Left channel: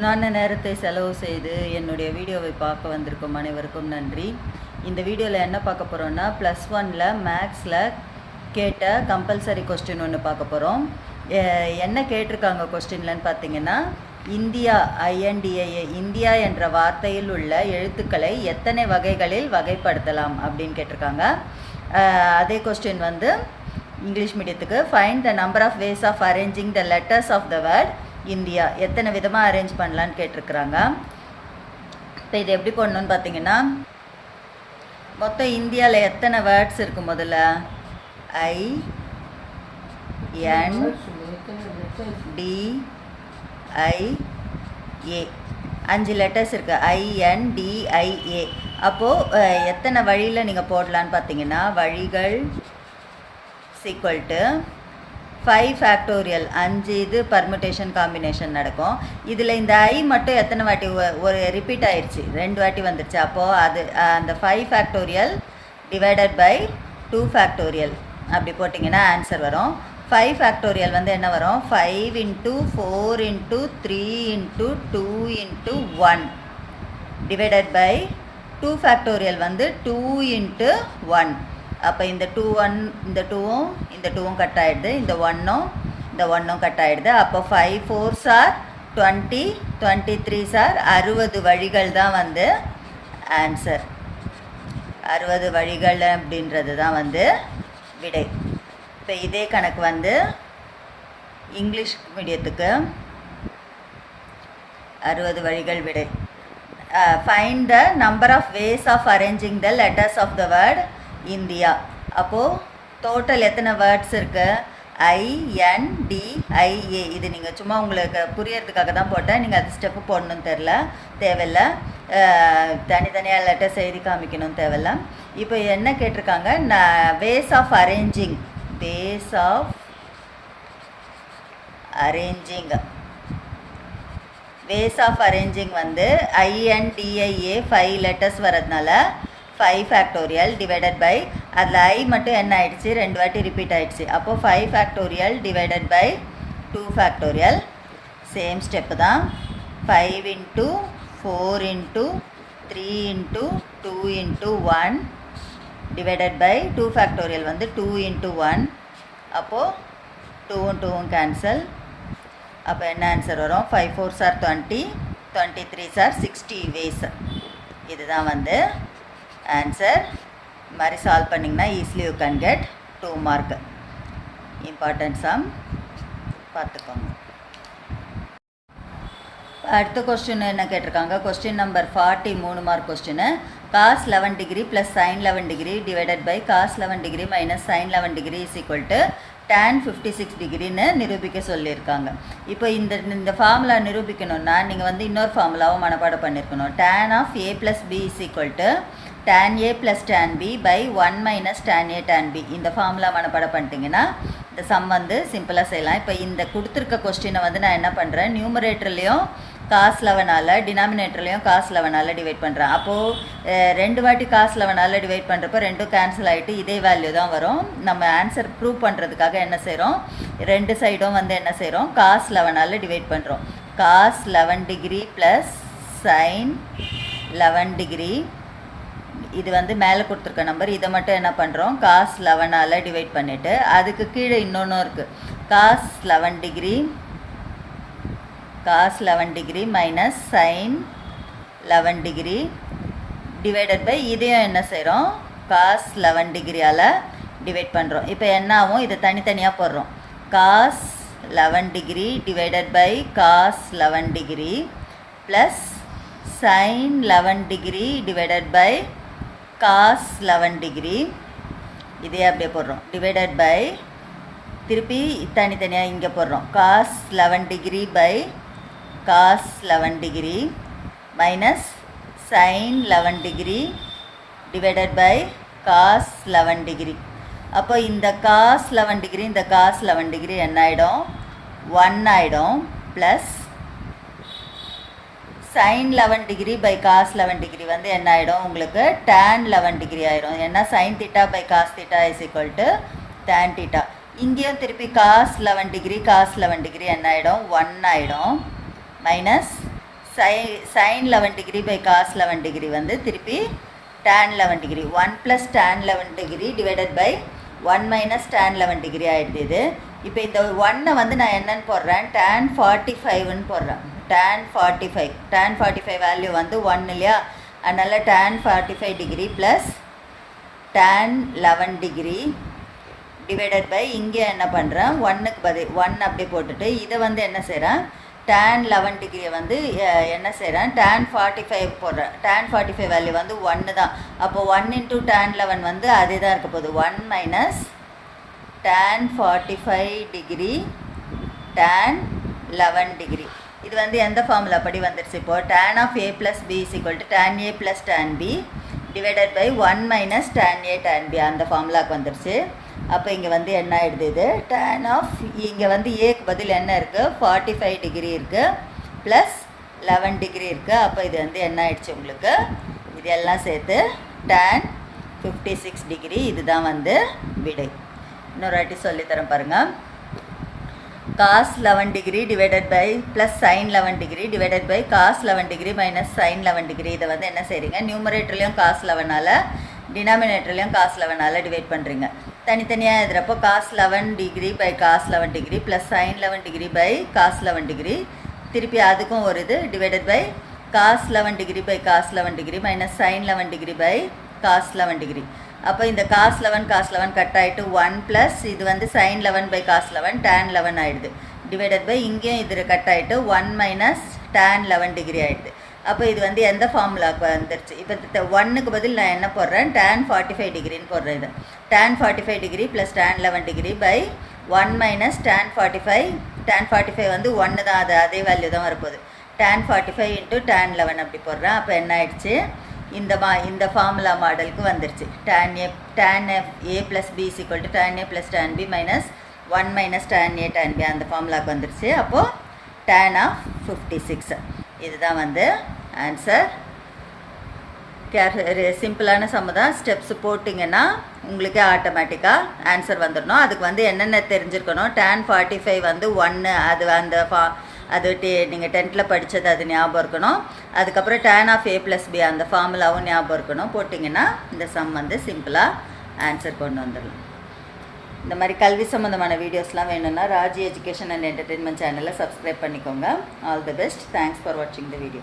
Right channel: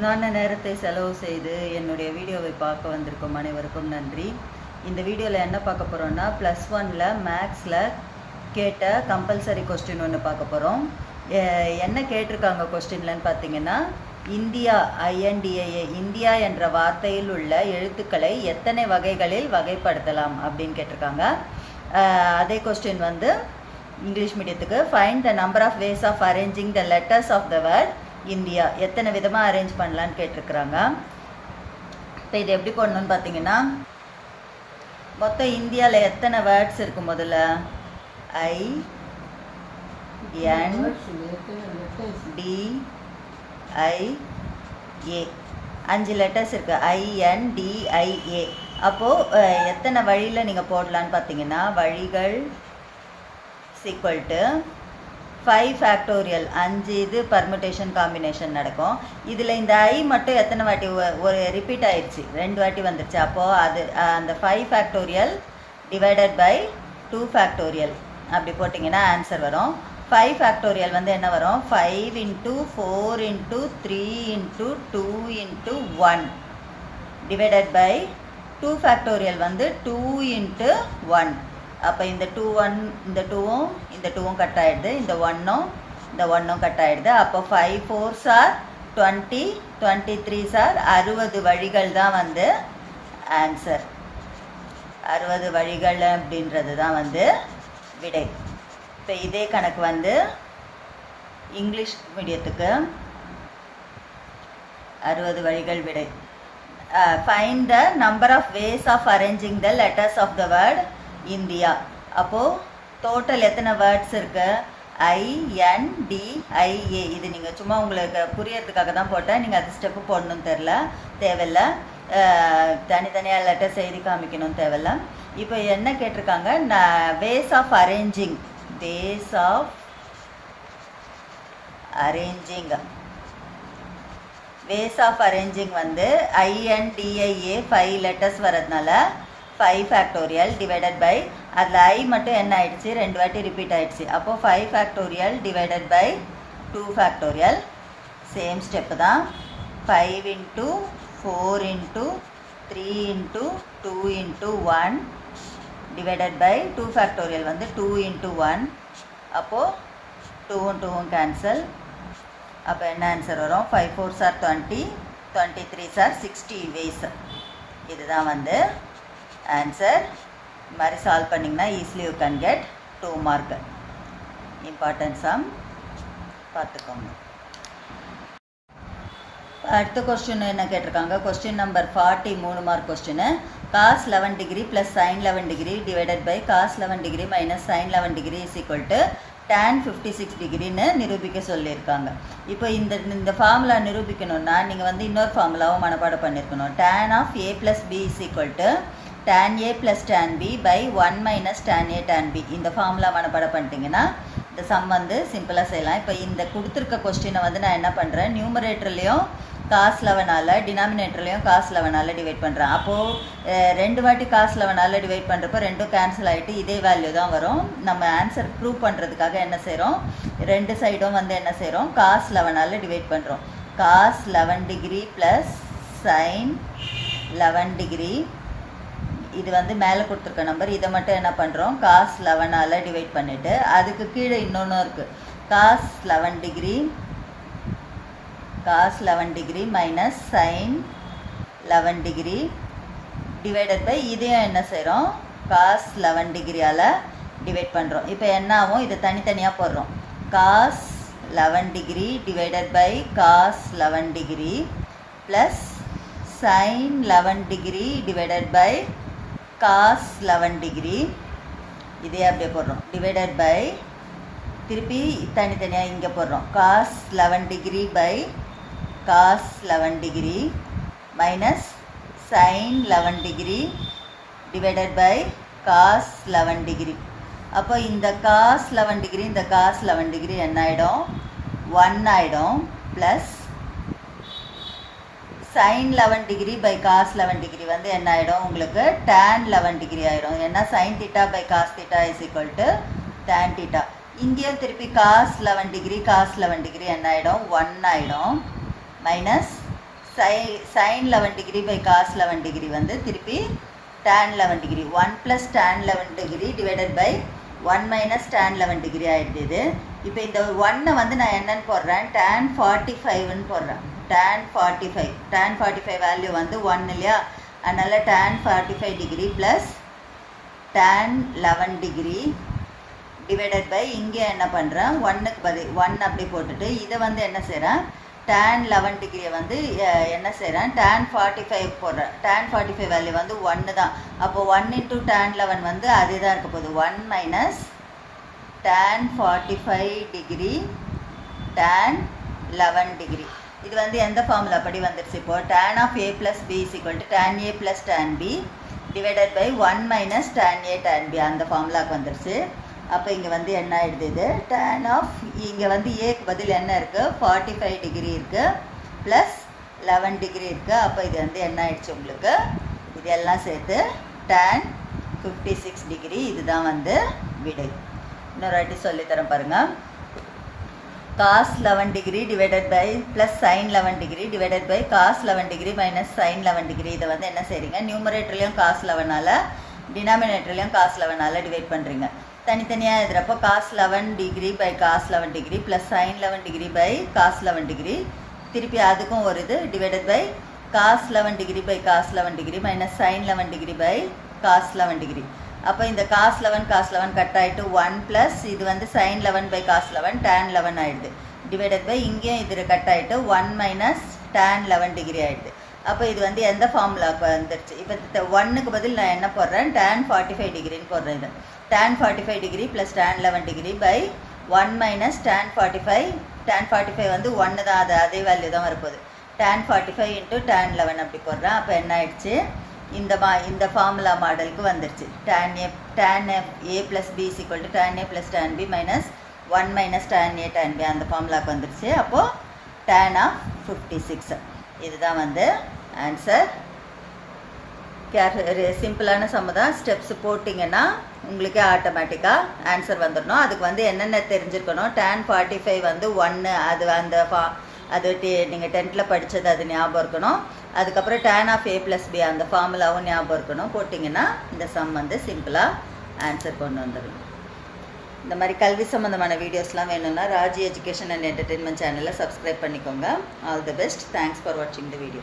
நான் நேரத்தை செலவு செய்து என்னுடைய வீடியோவை பார்க்க வந்திருக்கும் அனைவருக்கும் நன்றி. இந்த வீடியோவில் என்ன பார்க்க போகிறோன்னா, +1ல் மேக்ஸில் கேட்ட கம்பல்சரி கொஸ்டின் ஒன்று பார்க்க போகிறோம். என்ன கேட்டிருக்காங்க கொஸ்டின்லன்னு பார்த்தீங்கன்னா, இந்தியா INDIA இந்தியா என்ற வார்த்தையில் உள்ள எழுத்துக்களை எத்தனை வகைகளில் வகைப்படுத்தலாம் அப்படின்னு கேட்டிருக்காங்க. அதே கொஸ்டின் வந்து இங்கிலீஷ் மீடியத்துக்கு, find the number of ways of arranging the letters of the word India, எத்தனை விதமாக அரேஞ்ச் பண்ணலான்னு கேட்டிருக்கிறாங்க. இப்போ இது எப்படி பண்ணணுன்னு பார்த்தீங்கன்னா, மொத்தம் இந்தியாவில் எத்தனை வேர்ட்ஸ் இருக்குது? முதல்ல INDIA 5 லெட்டர்ஸ் இருக்குது. INDIA. அப்போது எத்தனை வழியில் நீங்கள் போடலான்னு பார்த்தீங்கன்னா, வழிகள் ஈக்குவல் டு 5 ஃபேக்டோரியல். 5 இது பர்முடேஷன் காம்பினேஷன் நடக்கும். இதில் இந்த ஐ மட்டும் எத்தனை வாட்டி ஒரு ரிப்பீட் ஆயிடுச்சு, 2 வாட்டி வந்துடுச்சு. அப்போது அது அந்த 5 ஃபேக்டோரியல் டிவைடட் பை 2 ஃபேக்டோரியல் அப்படி போட்டிங்கன்னா ஆன்சர் வரும். 5 ஃபேக்டோரியல் வந்து என்ன வரும்? 5 × 4 × 3 × 2 × 1 டிவைடட் பை 2 ஃபேக்டோரியல் வந்து 2 × 1. அப்போ இந்த 2வும் கட் ஆகிடுது, இந்த 1ம் கட் ஆகிடுது. அப்போ 5 4s are 20, 23s are 60 வழிகள் தான் வந்து ஆன்சர். 60 வழிகள் அப்படின்றது தான் வந்து விடை. இப்போ இதே கணக்கு வந்து இங்கிலீஷ் மீடியத்துக்கு 60 வழிகள் விடை. Find the number of ways of arranging the letters of the word India. அப்போது டோட்டல் எத்தனை வேர்ட்ஸ் இருக்குது? INDIA. இது நீங்கள் சும்மா உங்களுக்கு புரியறதுக்காக தான் போட்டேன், நீங்கள் அது ஸ்டெப்பு போடணும்னு தேவையில்லை. தனித்தனியாக லெட்டர்ஸ் எழுதி காமிக்கணும்னு தேவையில்ல. இப்போ என்ன கேட்டிருக்காங்க? வேஸ் ஆஃப் அரேஞ்சிங் வந்து INDIA 5 லெட்டர்ஸ் வரதுனால 5 ஃபேக்டோரியல் டிவைடட் பை, அதில் ஐ மட்டும் என்ன ஆயிடுச்சு, 2 வாட்டி ரிப்பீட் ஆகிடுச்சு. அப்போது 5 factorial divided by 2 factorial. Same step தான். 5 × 4 × 3 × 2 × 1 டிவைடட் பை 2 ஃபேக்டோரியல் வந்து 2 × 1. அப்போது 2ம் 2ம் கேன்சல். அப்போ என்ன ஆன்சர் வரும்? 5 4s are 20, 23s are 60 ways. இதுதான் வந்து ஆன்சர். இது மாதிரி சால்வ் பண்ணிங்கன்னா easily you can get 2 mark. Important sum பார்த்துக்கோங்க. அடுத்த கொஸ்டின் என்ன கேட்டிருக்காங்க? Question number 40, 3 mark question. cos 11 degree plus sin 11 degree divided by cos 11 degree minus sin 11 degree is equal to tan 56 டிகிரின்னு நிரூபிக்க சொல்லியிருக்காங்க. இப்போ இந்த ஃபார்முலா நிரூபிக்கணும்னா நீங்கள் வந்து இன்னொரு ஃபார்முலாவும் மனப்பாடம் பண்ணியிருக்கணும். tan of a plus b is equal to tan a plus tan b by 1 minus tan a tan b. இந்த ஃபார்முலா மனப்பாடம் பண்ணிட்டீங்கன்னா இந்த சம் வந்து சிம்பிளாக செய்யலாம். இப்போ இந்த கொடுத்துருக்க கொஸ்டினை வந்து நான் என்ன பண்ணுறேன், நியூமரேட்டர்லேயும் cos 11ஆல், டினாமினேட்டர்லேயும் cos 11ஆல் டிவைட் பண்ணுறேன். அப்போது 2 வாட்டி cos 11ஆல் டிவைட் பண்ணுறப்போ 2 கேன்சல் ஆகிட்டு இதே வேல்யூ தான் வரும். நம்ம ஆன்சர் ப்ரூவ் பண்ணுறதுக்காக என்ன செய்கிறோம், 2 சைடும் வந்து என்ன செய்கிறோம், cos 11ஆல் டிவைட் பண்ணுறோம். cos 11 degree plus sin 11 degree, இது வந்து மேலே கொடுத்துருக்க நம்பர், இதை மட்டும் என்ன பண்ணுறோம், cos 11ஆல் டிவைட் பண்ணிவிட்டு அதுக்கு கீழே இன்னொன்றும் இருக்குது, cos 11 degree minus sin 11 degree divided by இதையும் என்ன செய்கிறோம், cos 11 டிகிரியால் டிவைட் பண்ணுறோம். இப்போ என்ன ஆகும், இதை தனித்தனியாக போடுறோம். cos 11 degree divided by cos 11 degree plus sin 11 degree divided by cos 11 degree, இதே அப்படியே போடுறோம். டிவைடட் பை திருப்பி தனித்தனியாக இங்கே போடுறோம். cos 11 degree by cos 11 degree minus sin 11 degree divided by cos 11 degree. அப்போ இந்த cos 11 டிகிரி இந்த cos 11 டிகிரி என்ன ஆகிடும், 1 ஆகிடும். Plus sin 11 degree by cos 11 degree வந்து என்ன ஆகிடும், உங்களுக்கு tan 11 டிகிரி ஆகிடும். ஏன்னா sin θ by cos θ is equal to tan θ. இங்கேயும் திருப்பி cos 11 டிகிரி என்ன ஆகிடும், 1 ஆகிடும். Minus sin 11 degree by cos 11 degree வந்து திருப்பி tan 11 degree 1 plus tan 11 degree divided by 1 minus tan 11 degree ஆகிடுது இது. இப்போ இந்த 1 வந்து நான் என்னன்னு போடுறேன், tan 45ன்னு போடுறேன். tan 45 வேல்யூ வந்து 1 இல்லையா, அதனால் tan 45 degree plus tan 11 degree divided by இங்கே என்ன பண்ணுறேன், 1க்கு பதில் 1 அப்படி போட்டுட்டு இதை வந்து என்ன செய்கிறேன், tan 11 டிகிரியை வந்து என்ன செய்கிறேன், tan 45 போடுறேன். tan 45 வேல்யூ வந்து 1 தான். அப்போது 1 இன்ட்டு tan 11 வந்து அதே தான் இருக்க போகுது. 1 minus tan 45 degree tan 11 degree. இது வந்து எந்த ஃபார்முலா படி வந்துடுச்சு, இப்போது tan of a plus b is equal to tan a plus tan b divided by 1 minus tan a tan b அந்த ஃபார்முலாவுக்கு வந்துடுச்சு. அப்போ இங்கே வந்து என்ன ஆகிடுது, இது tan ஆஃப் இங்கே வந்து ஏக்கு பதில் என்ன இருக்குது, 45 டிகிரி இருக்குது ப்ளஸ் 11 டிகிரி இருக்குது. அப்போ இது வந்து என்ன ஆகிடுச்சு உங்களுக்கு, இது எல்லாம் சேர்த்து tan 56 டிகிரி. இதுதான் வந்து விடை. இன்னொரு வாட்டி சொல்லித்தரேன் பாருங்கள். cos 11 degree divided by plus sin 11 degree divided by cos 11 degree minus sin 11 degree. இதை வந்து என்ன செய்கிறீங்க, நியூமரேட்டர்லேயும் cos 11ஆல் டினாமினேட்டர்லேயும் cos 11ஆல் டிவைட் பண்ணுறீங்க. தனித்தனியாக எழுதுகிறப்போ cos 11 degree by cos 11 degree plus sin 11 degree by cos 11 degree, திருப்பி அதுக்கும் ஒரு இது divided by cos 11 degree by cos 11 degree minus sin 11 degree by cos 11 degree. அப்போ இந்த cos 11 கட் ஆகிட்டு 1 ப்ளஸ் இது வந்து sin 11 பை cos 11 tan 11 ஆகிடுது டிவைடட் பை இங்கேயும் இது கட் ஆகிட்டு 1 மைனஸ் tan 11 டிகிரி ஆகிடுது. அப்போ இது வந்து எந்த ஃபார்முலாவுக்கு வந்துடுச்சு, இப்போ 1க்கு பதில் நான் என்ன போடுறேன், tan 45 டிகிரின்னு போடுறேன். இது tan 45 degree plus tan 11 degree by 1 minus tan 45 வந்து 1 தான், அது அதே வேல்யூ தான் வரப்போகுது. tan 45 இன்ட்டு tan 11 அப்படி போடுறேன். அப்போ என்ன ஆயிடுச்சு, இந்த ஃபார்முலா மாடலுக்கு வந்துடுச்சு. tan a plus b is equal to tan a plus tan b minus 1 minus tan a tan b அந்த ஃபார்முலாவுக்கு வந்துடுச்சு. அப்போது tan ஆஃப் 56 இதுதான் வந்து ஆன்சர். சிம்பிளான சம்மு தான். ஸ்டெப்ஸ் போட்டிங்கன்னா உங்களுக்கே ஆட்டோமேட்டிக்காக ஆன்சர் வந்துடணும். அதுக்கு வந்து என்னென்ன தெரிஞ்சுருக்கணும், tan 45 வந்து 1 அது அந்த அது நீங்கள் 10th படித்தது அது ஞாபகம் இருக்கணும். அதுக்கப்புறம் tan of a plus b அந்த ஃபார்முலாவும் ஞாபகம் இருக்கணும். போட்டிங்கன்னா இந்த சம் வந்து சிம்பிளாக ஆன்சர் கொண்டு வந்துடும். இந்த மாதிரி கல்வி சம்மந்தமான வீடியோஸ்லாம் வேணும்னா ராஜி எஜுகேஷன் அண்ட் என்டர்டெயின்மெண்ட் சேனலை சப்ஸ்கிரைப் பண்ணிக்கோங்க. All the best. Thanks for வாட்சிங் த வீடியோ.